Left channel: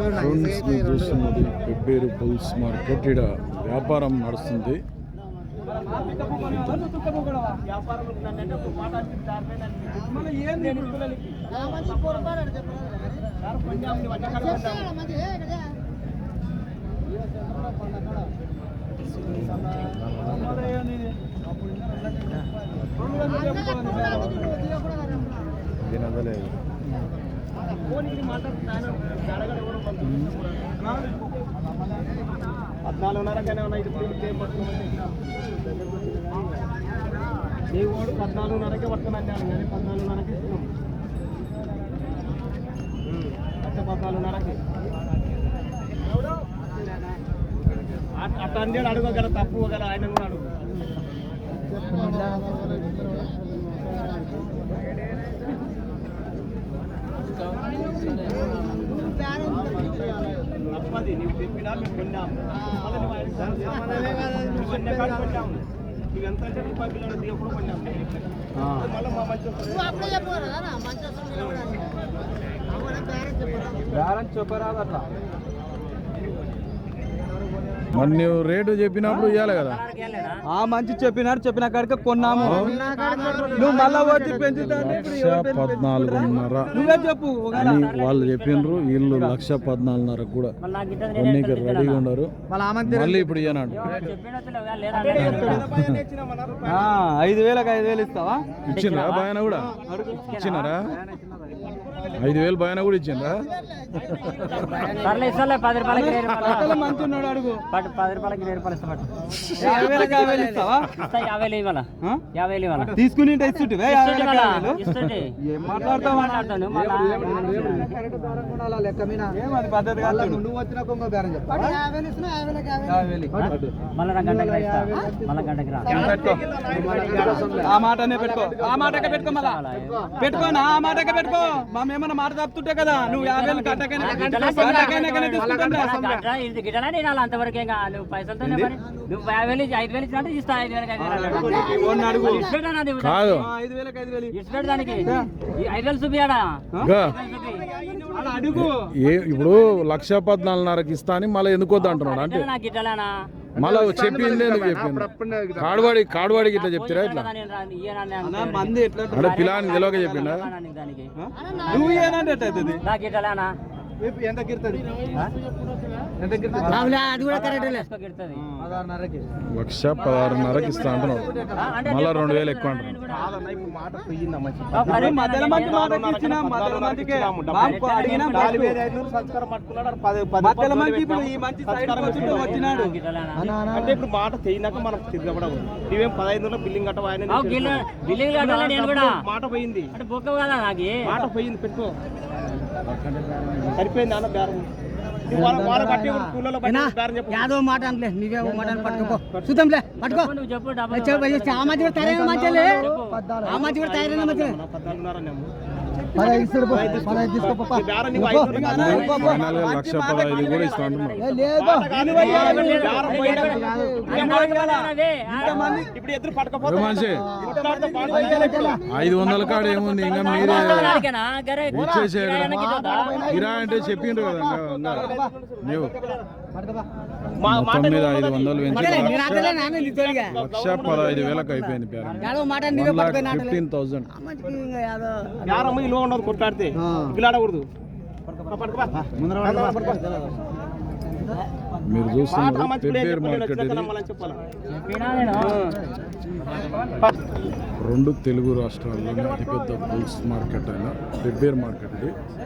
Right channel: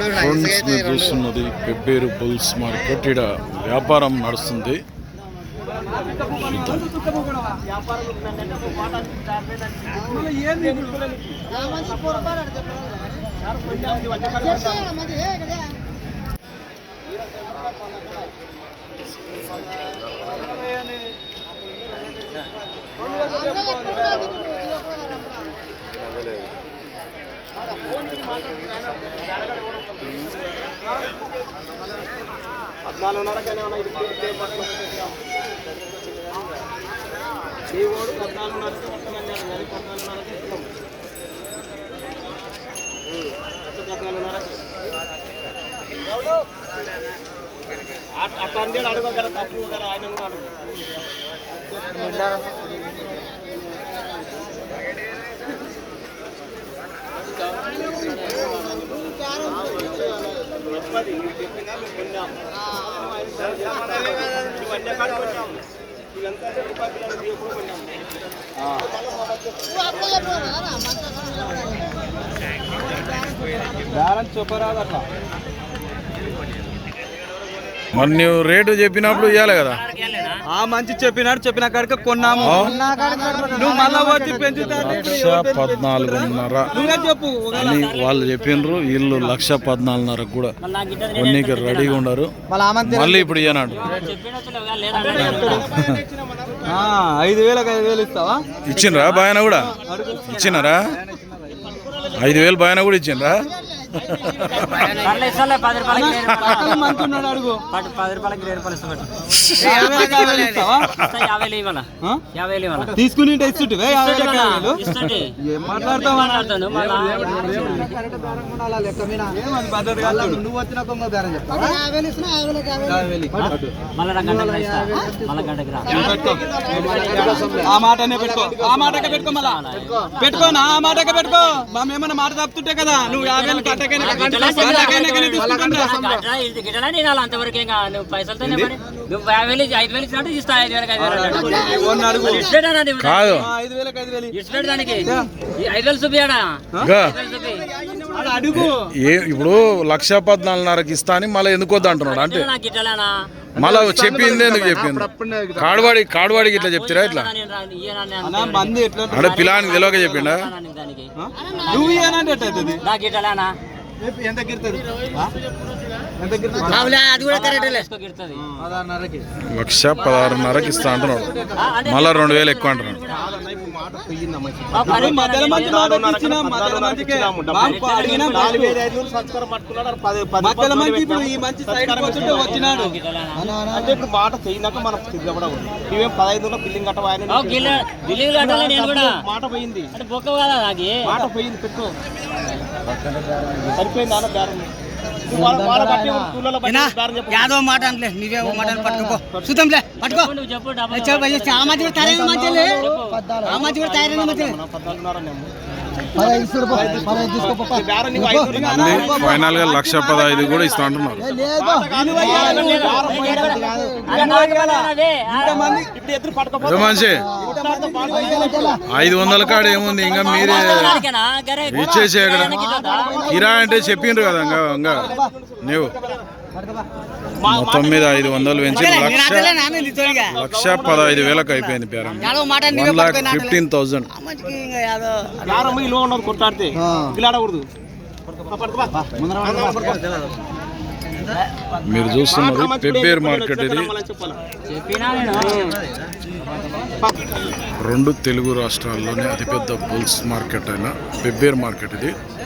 Friends మీరు చూస్తున్నది Pebbair bulls market. ఇక్కడ వ్యాపారం నడుస్తుంది. అడుగు కదా తప్పు కదా ఆయన అడుగు చెప్పరాదు అట్లా. మరి నువ్వు రేటు చెప్పినప్పుడు ఇవ్వాలి కదా. మంచి చెప్పిన కాడికి కొన్నాము. నువ్వు మళ్ళా వచ్చి పెంచుతాను. 1,14,500 చెప్పు అని వాళ్ళు చెప్పిండ్రు. వీళ్ళు 1,14,500 కూడా కొన్నికి రెడీగా ఉండరు. మళ్ళీ ఇప్పుడు ఇయ్యనాడు 5,000 ఇస్తావా? ఇచ్చిండ్రా బాయన కూడా ఇచ్చినారా? 5,000 బాయన కూడా ఇచ్చిండ్రా? తీసుకుని ఆ మాటనే పెట్టుకో. ఆ మాటకే పెట్టుకో. మళ్ళా పెట్టుకో. నా మాటకే పెట్టుకో. మేమన్నా మాట తప్పుతుంటే కదా నువ్వు 50,000 కట్టకైనా తీసుకుంటాం. కాదు ఇప్పుడు 1,14,500 ఇస్తా అని మళ్ళీ ఎందుకు వద్దు అంటున్నాడు. అంటే మళ్ళా చెప్పింది ఎందుకు చెప్పింది? కాడువాడికి ఇట్లా చెప్తారా? ఇట్లా అంటే పిల్లానికి తెలియక చెప్పిండా? ఎంత 1,16,500 ఇస్తా అంటున్నాడు. మళ్ళా 2,000 ఎక్కువ అంటున్నాడు. అంటే ఇప్పుడు మాట చేయనాక మనం ఇవేం 15 బిల్లింగ్ కట్ట మాట పోయింది. మాట పోయింది. పెట్టుకో. సరిపోయింది. యాదవ మాట అనలే. నీవే మాట పట్టుకోపో. చూద్దాంలే. పట్టుకో. ఫైనల్ గా 1,15,000 కూడా ఇస్తా అంటున్నారు. 500 కాడ ఏముంది ఇంకా మీరే ఇచ్చేసి అక్కడ కిరాయి అంటే చెప్పిండ్రు కదా. ఇంకా నువ్వు మొత్తం మీద 500 పెంచి 1,15,000 అయిపోయింది. పేరు 1,15,000. కొట్టాడితే గిలాడకూడదు. మీరు చూస్తున్నది పెబ్బేరు మార్కెట్. ఇది 2 తెలుగు రాష్ట్రాల్లోనే అతిపెద్ద బుల్స్ మార్కెట్ అయిన పెబ్బేరు మార్కెట్ ఇది.